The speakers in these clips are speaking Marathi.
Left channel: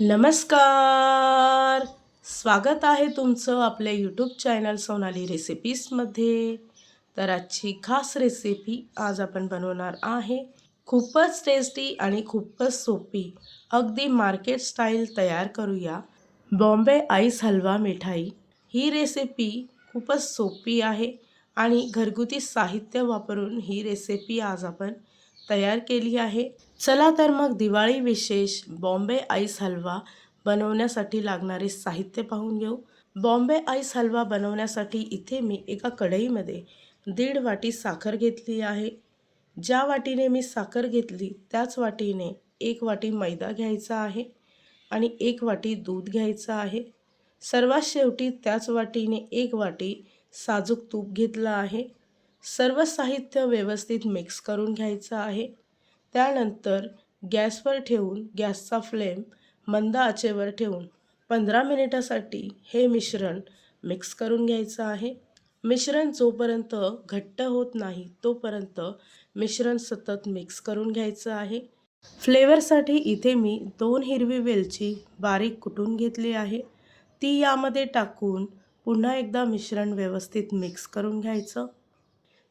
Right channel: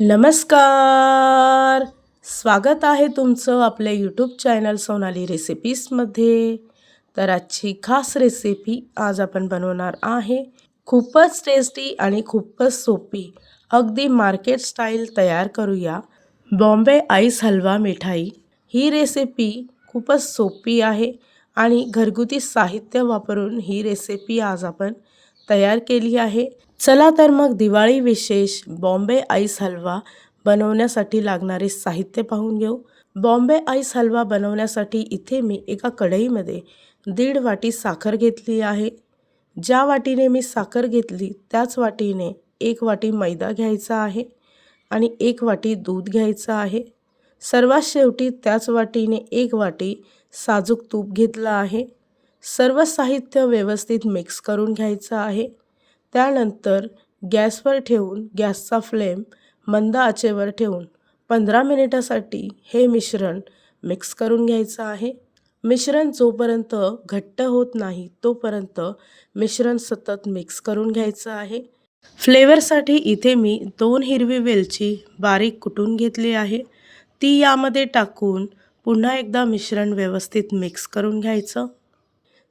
नमस्कार! स्वागत आहे तुमचं आपल्या यूट्यूब चॅनल सोनाली रेसिपीजमध्ये तर आजची खास रेसिपी आज आपण बनवणार आहे. खूपच टेस्टी आणि खूपच सोपी. अगदी मार्केट स्टाईल तयार करूया. बॉम्बे आईस हलवा मिठाई. ही रेसिपी खूपच सोपी आहे आणि घरगुती साहित्य वापरून ही रेसिपी आज आपण तयार केली आहे. चला तर मग दिवाळी विशेष बॉम्बे आईस हलवा बनवण्यासाठी लागणारे साहित्य पाहून घेऊ. बॉम्बे आईस हलवा बनवण्यासाठी इथे मी एका कढईमध्ये दीड वाटी साखर घेतली आहे. ज्या वाटीने मी साखर घेतली त्याच वाटीने एक वाटी मैदा घ्यायचा आहे आणि एक वाटी दूध घ्यायचं आहे. सर्वात शेवटी त्याच वाटीने एक वाटी साजूक तूप घेतलं आहे. सर्व साहित्य व्यवस्थित मिक्स करून घ्यायचं आहे. त्यानंतर गॅसवर ठेवून गॅसचा फ्लेम मंद आचेवर ठेवून पंधरा मिनिटासाठी हे मिश्रण मिक्स करून घ्यायचं आहे. मिश्रण जोपर्यंत घट्ट होत नाही तोपर्यंत मिश्रण सतत मिक्स करून घ्यायचं आहे. फ्लेवरसाठी इथे मी दोन हिरवी वेलची बारीक कुटून घेतली आहे. ती यामध्ये टाकून पुन्हा एकदा मिश्रण व्यवस्थित मिक्स करून घ्यायचं.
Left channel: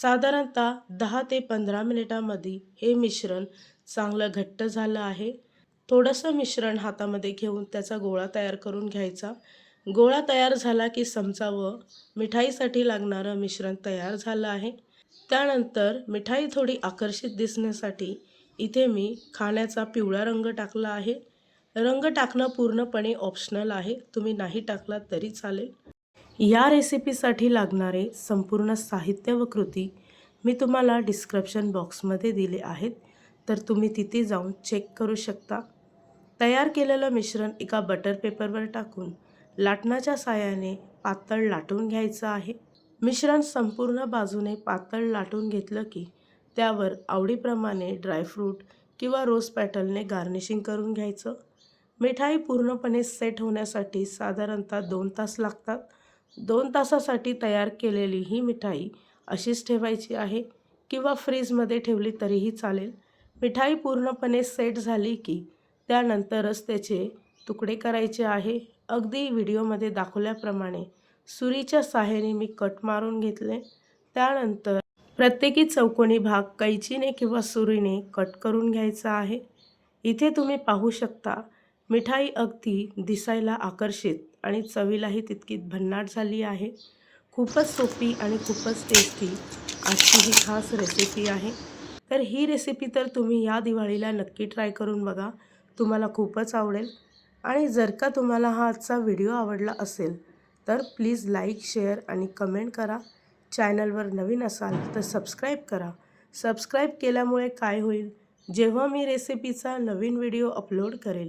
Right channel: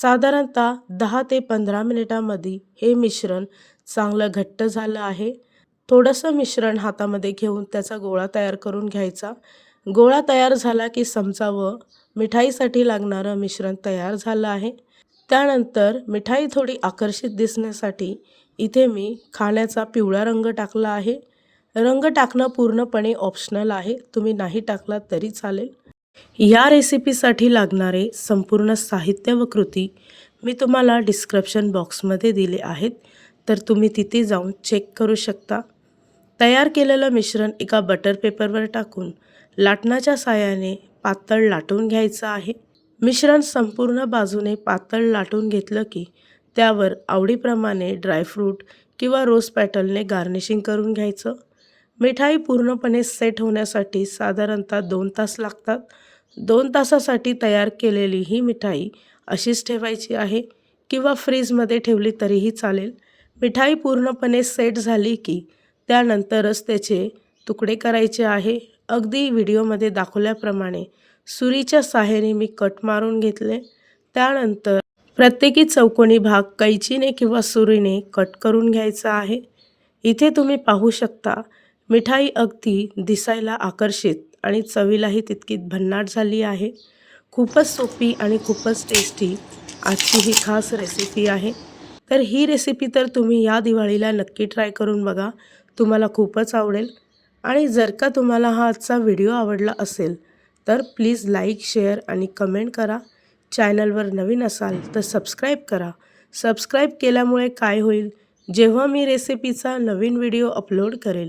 साधारणतः दहा ते पंधरा मिनिटामध्ये हे मिश्रण चांगलं घट्ट झालं आहे. थोडंसं मिश्रण हातामध्ये घेऊन त्याचा गोळा तयार करून घ्यायचा. गोळा तयार झाला की समजावं मिठाईसाठी लागणारं मिश्रण तयार झालं आहे. त्यानंतर मिठाई थोडी आकर्षित दिसण्यासाठी इथे मी खाण्याचा पिवळा रंग टाकला आहे. रंग टाकणं पूर्णपणे ऑप्शनल आहे. तुम्ही नाही टाकलात तरी चालेल. या रेसिपीसाठी लागणारे संपूर्ण साहित्य व कृती मी तुम्हाला डिस्क्रिप्शन बॉक्समध्ये दिले आहेत. तर तुम्ही तिथे जाऊन चेक करू शकता. तयार केलेलं मिश्रण एका बटर पेपरवर टाकून लाटणाच्या साहाय्याने पातळ लाटून घ्यायचं आहे. मिश्रण संपूर्ण बाजूने पातळ लाटून घेतलं की त्यावर आवडीप्रमाणे ड्रायफ्रूट किंवा रोज पॅटलने गार्निशिंग करून घ्यायचं. मिठाई पूर्णपणे सेट होण्यासाठी साधारणतः दोन तास लागतात. दोन तासासाठी तयार केलेली ही मिठाई अशीच ठेवायची आहे किंवा फ्रीजमध्ये ठेवली तरीही चालेल. मिठाई पूर्णपणे सेट झाली की त्यानंतरच त्याचे तुकडे करायचे आहे. अगदी व्हिडिओमध्ये दाखवल्याप्रमाणे सुरीच्या साह्याने मी कट मारून घेतले. त्यानंतर प्रत्येकी चौकोनी भाग कैचीने किंवा सुरीने कट करून घ्यायचा आहे. इथे तुम्ही पाहू शकता मिठाई अगदी दिसायला आकर्षित आणि चवीलाही तितकी भन्नाट झाली आहे. खूपच सोपी आणि खूपच टेस्टी आजची ही खास रेसिपी आहे. तर ही रेसिपी तर तुम्ही या दिवाळीला नक्की ट्राय करून बघा. तुम्हाला खूपच आवडेल. आणि जर का तुम्हाला हा आजचा व्हिडिओ आवडला असेल तर प्लीज लाईक शेअर आणि कमेंट करा. चॅनलवर नवीन असाल तर सबस्क्राईब करा. सबस्क्राईब केल्यामुळे काय होईल? जेव्हा मी रेसिपीचा नवीन व्हिडिओ अपलोड करेल